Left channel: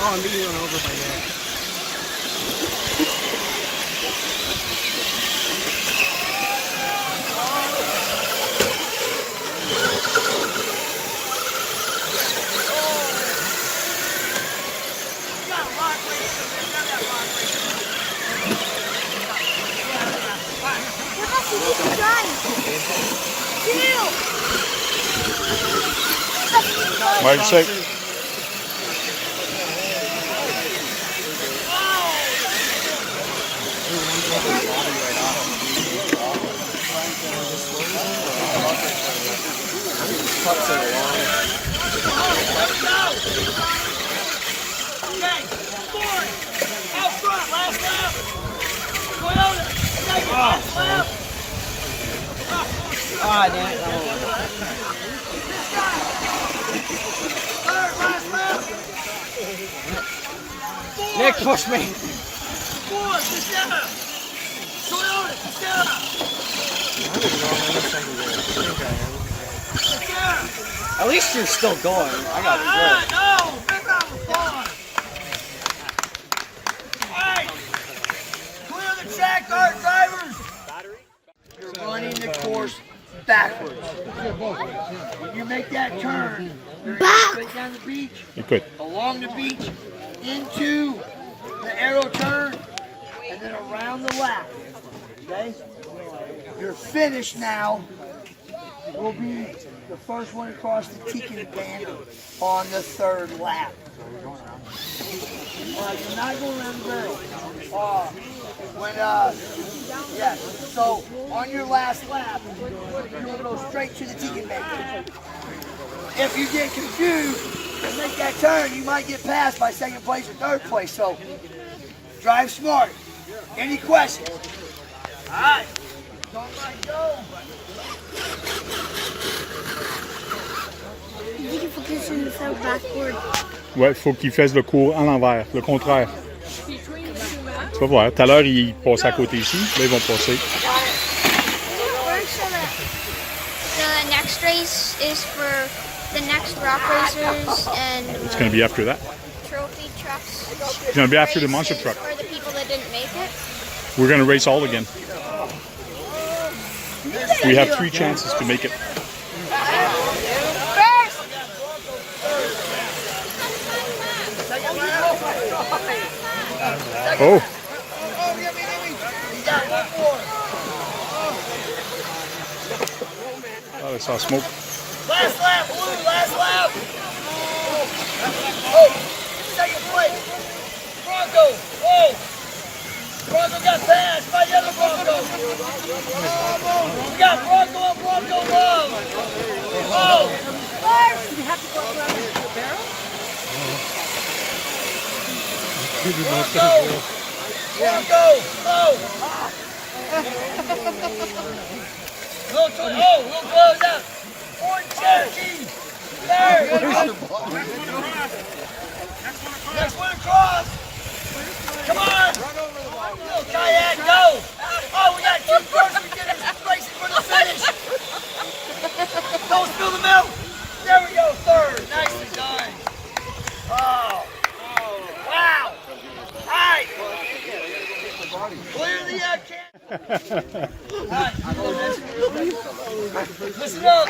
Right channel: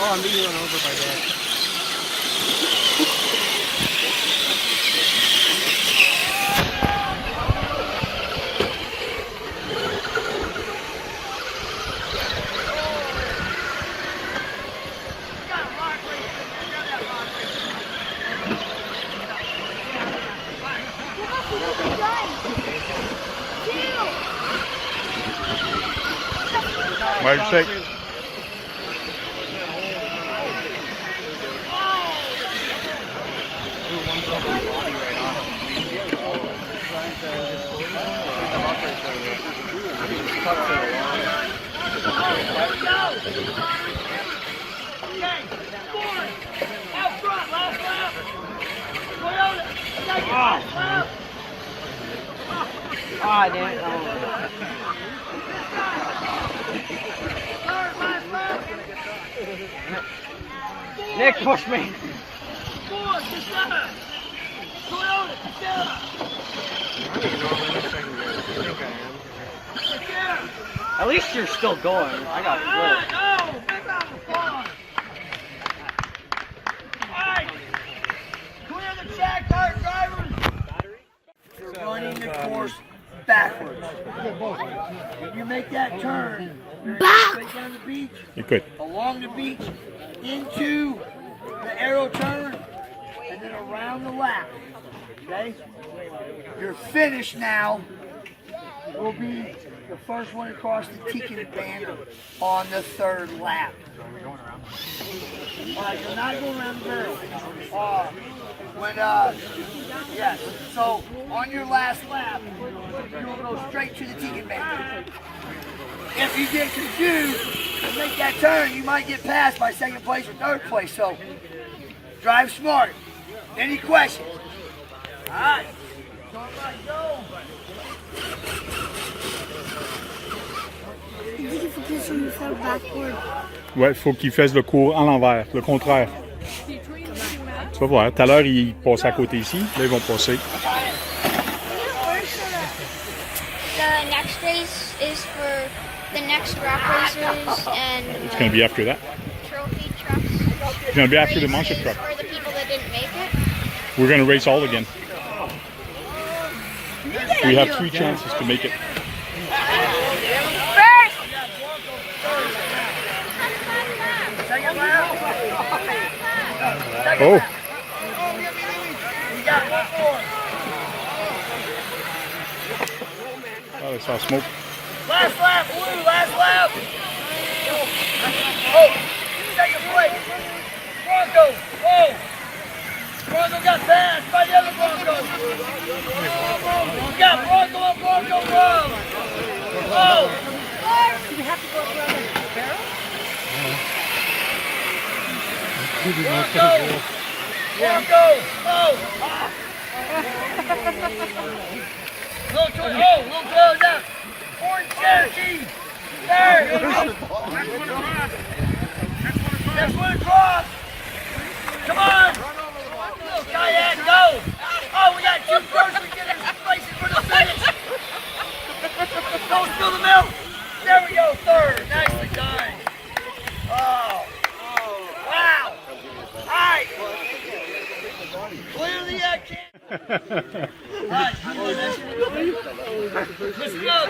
Oh, I'm leaving a little bit by there. What'd you say? Alright, Dan. Nick, push me. At least you're still going. I got it. No! Big round of applause! Hey! Clear the track, dart drivers! You're running the course backwards. When you make that turn, you're going straight down the beach, along the beach, into the arrow turn, and then around the lap. Okay? Your finish now will be the first one across the Tekin banner on the third lap. So are we going around? Alright, you're not going around the barrel. Yes, so on your last lap, you will go straight to the Tekin banner. If you get confused and make that turn, you might get passed by second place or third place. So drive smart. Any questions? Alright. Go. Ouais, il faut qu'il fasse le cours en l'envers, le contraire. Tu vas voir, tout à l'heure, ils passaient à côté ici, là, ils vont passer. The next race is for the next rock racers and It's going to be after that. trophy trucks. It's going to be after the monster truck. For the people that didn't make it. We're going to race all again. We have 3 chances to make it. Oh. Oh, I saw smoke. Last lap, Blue, last lap. Oh, second place. Bronco. Oh, Bronco got passed by the other Bronco. We got Bronco and Bronco Love. Oh. Bronco. Oh. Little close up. Orange Cherokee. Third. Next one across. Come on. Little kayak, go. Oh, we got 2 first. We get it racing for the finish. Don't spill the milk. There we go. Third. Nicely done. Oh. Wow. All right. Clearly I can't. Right, listen up.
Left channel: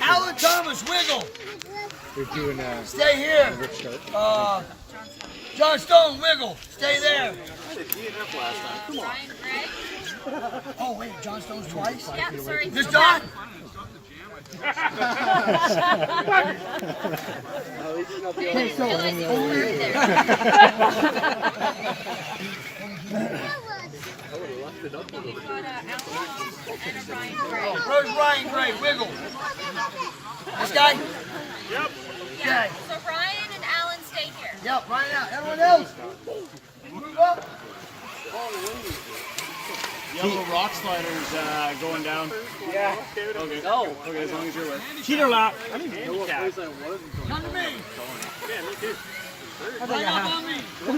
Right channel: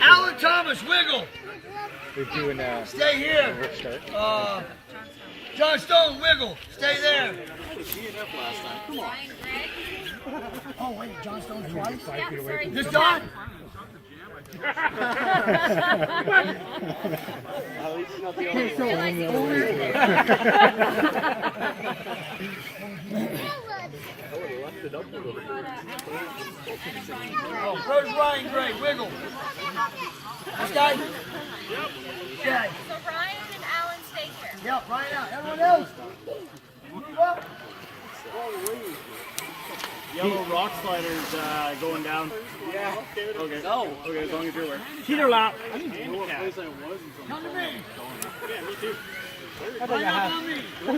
Alan Thomas, wiggle. They're doing Stay here. John Stone, wiggle. Stay there. Ryan Gregg. Oh wait, John Stone's twice? Yeah, sorry. This John? Where's Ryan Gray? Wiggle. guy? Yep. Okay. So Ryan and Alan stay here. Yep, Ryan out. Everyone else, move up. Yellow rock sliders going down. Yeah. Okay. Go. Okay, as long as you're there. Cheater lap. Come to me.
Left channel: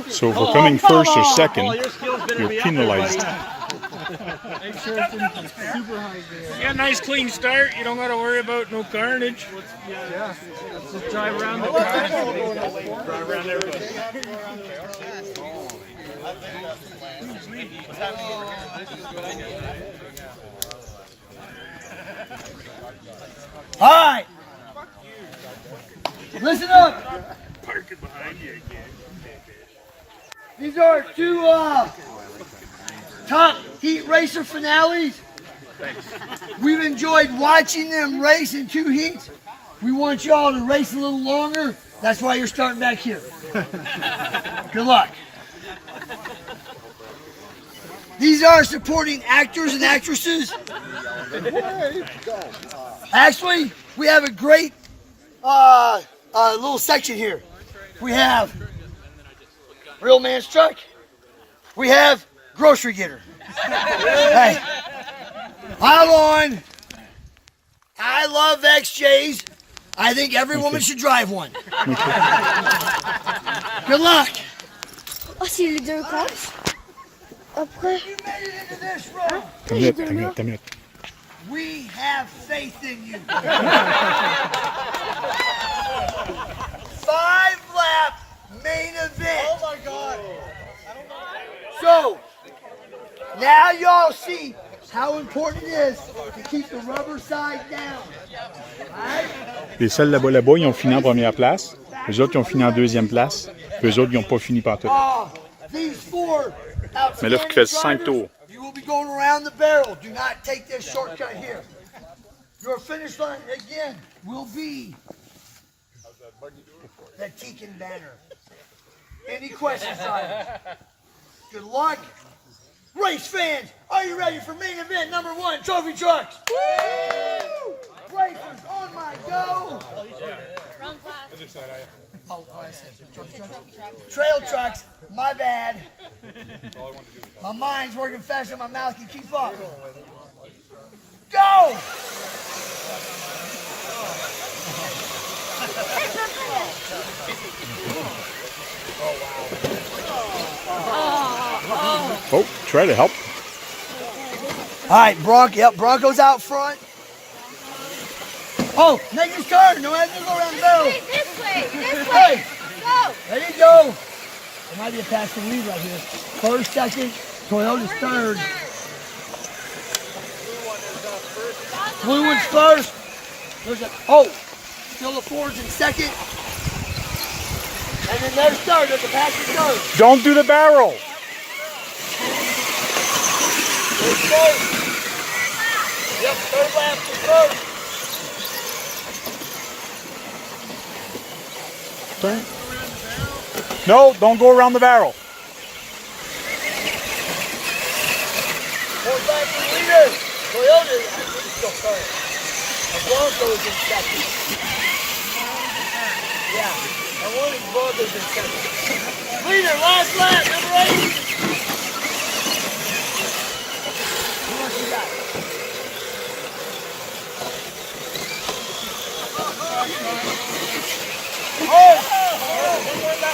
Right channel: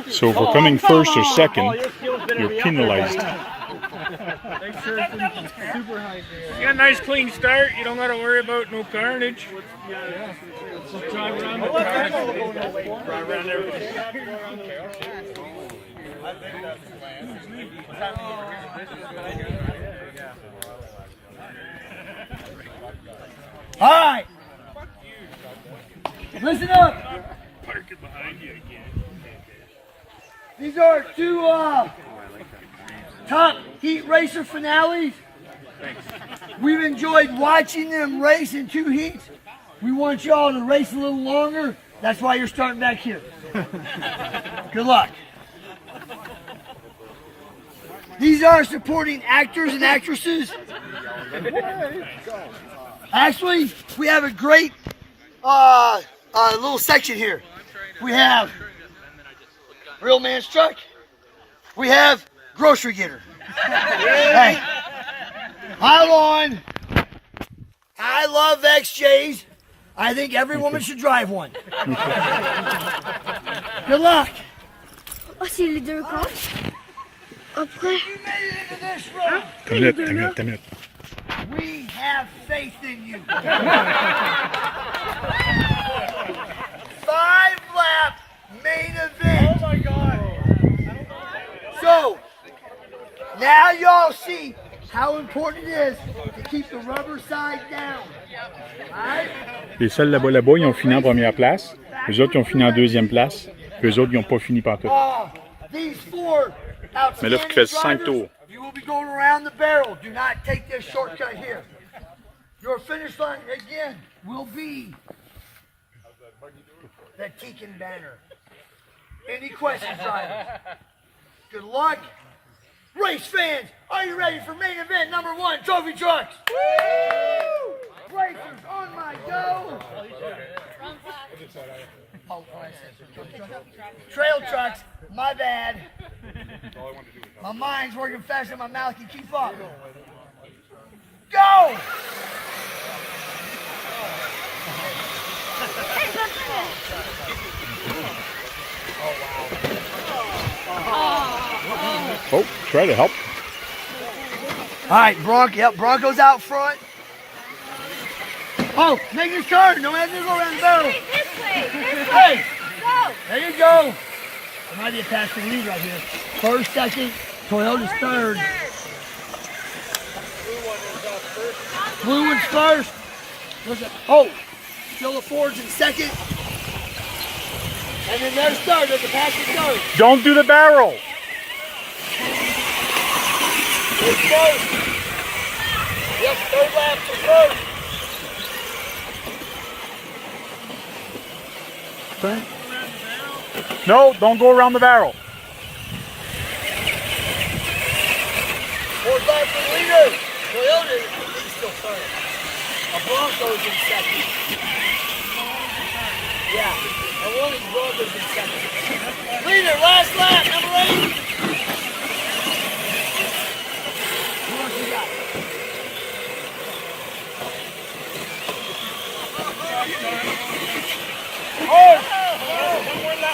So for coming first or second, you're penalized. You got a nice clean start. You don't got to worry about no carnage. Yeah. Just drive around the track. All right. Listen up. These are two top heat racer finales. We've enjoyed watching them race in two heats. We want y'all to race a little longer. That's why you're starting back here. Good luck. These are supporting actors and actresses. Actually, we have a great little section here. We have Real Man's Truck. We have Grocery Getter. Hey, pile on. I love XJs. I think every woman should drive one. Good luck. Oh, c'est les deux courses. Après. You made it into this room. T'as minute. We have faith in you. 5-lap main event. Oh my God. So, now y'all see how important it is to keep the rubber side down. Right? Les seuls là-bas, ils ont fini en première place. Les autres, ils ont fini en deuxième place. Puis eux autres, ils n'ont pas fini partout. These four Mais là, il faut qu'il fasse 5 tours. You will be going around the barrel. Do not take this shortcut here. Your finish line, again, will be the Tekin banner. Any questions, drivers? Good luck. Race fans, are you ready for main event number 1, Trophy Trucks? Woo! Racers on my go. Trail trucks, my bad. My mind's working faster than my mouth can keep up. Go! Oh, try to help. All right, Bronco's out front. Oh, make this turn. No matter go around the barrel. This way. Hey, Go. there you go. There might be a pass to lead right here. First, second, Toyota's third. Blue one's first. Still the Ford's in second. And then there's third as the passing goes. Don't do the barrel. There's third. Yep, third off the third. Turn. No, don't go around the barrel. Fourth off the leader. Toyota is still third. The Bronco's in second. Yeah, the Bronco's in second. Leader, last lap, number 8.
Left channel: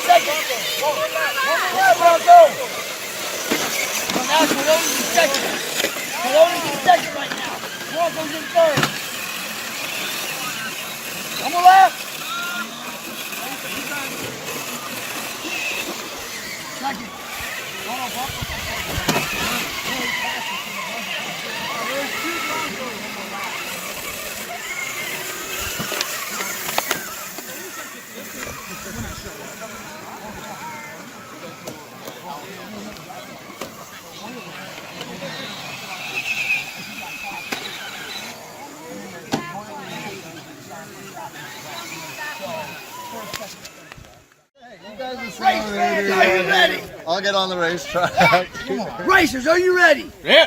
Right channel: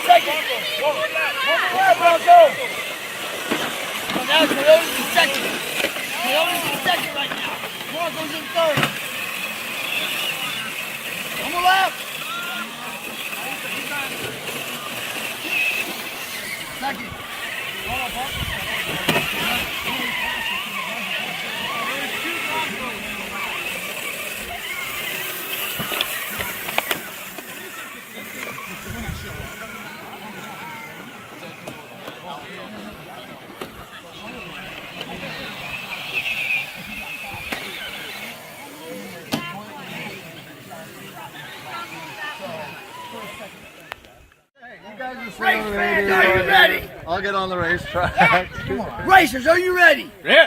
Second. One more lap, Bronco. Well, now Toyota's in second. Toyota's in second right now. Bronco's in third. One more lap. Second. Race fans, are you ready? I'll get on the racetrack. Racers, are you ready? Yeah.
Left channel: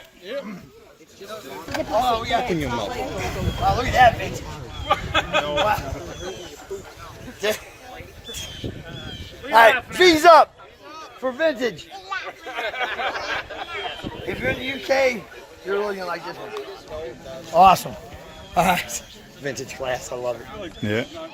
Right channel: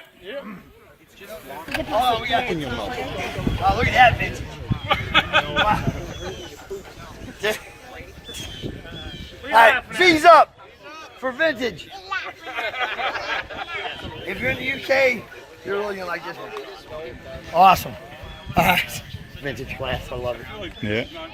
Oh, we got. Oh, look at that, Vince. All right, V's up for vintage. If you're in the UK, you're really gonna like this one. Awesome. All right. Vintage class, I love it. Yeah.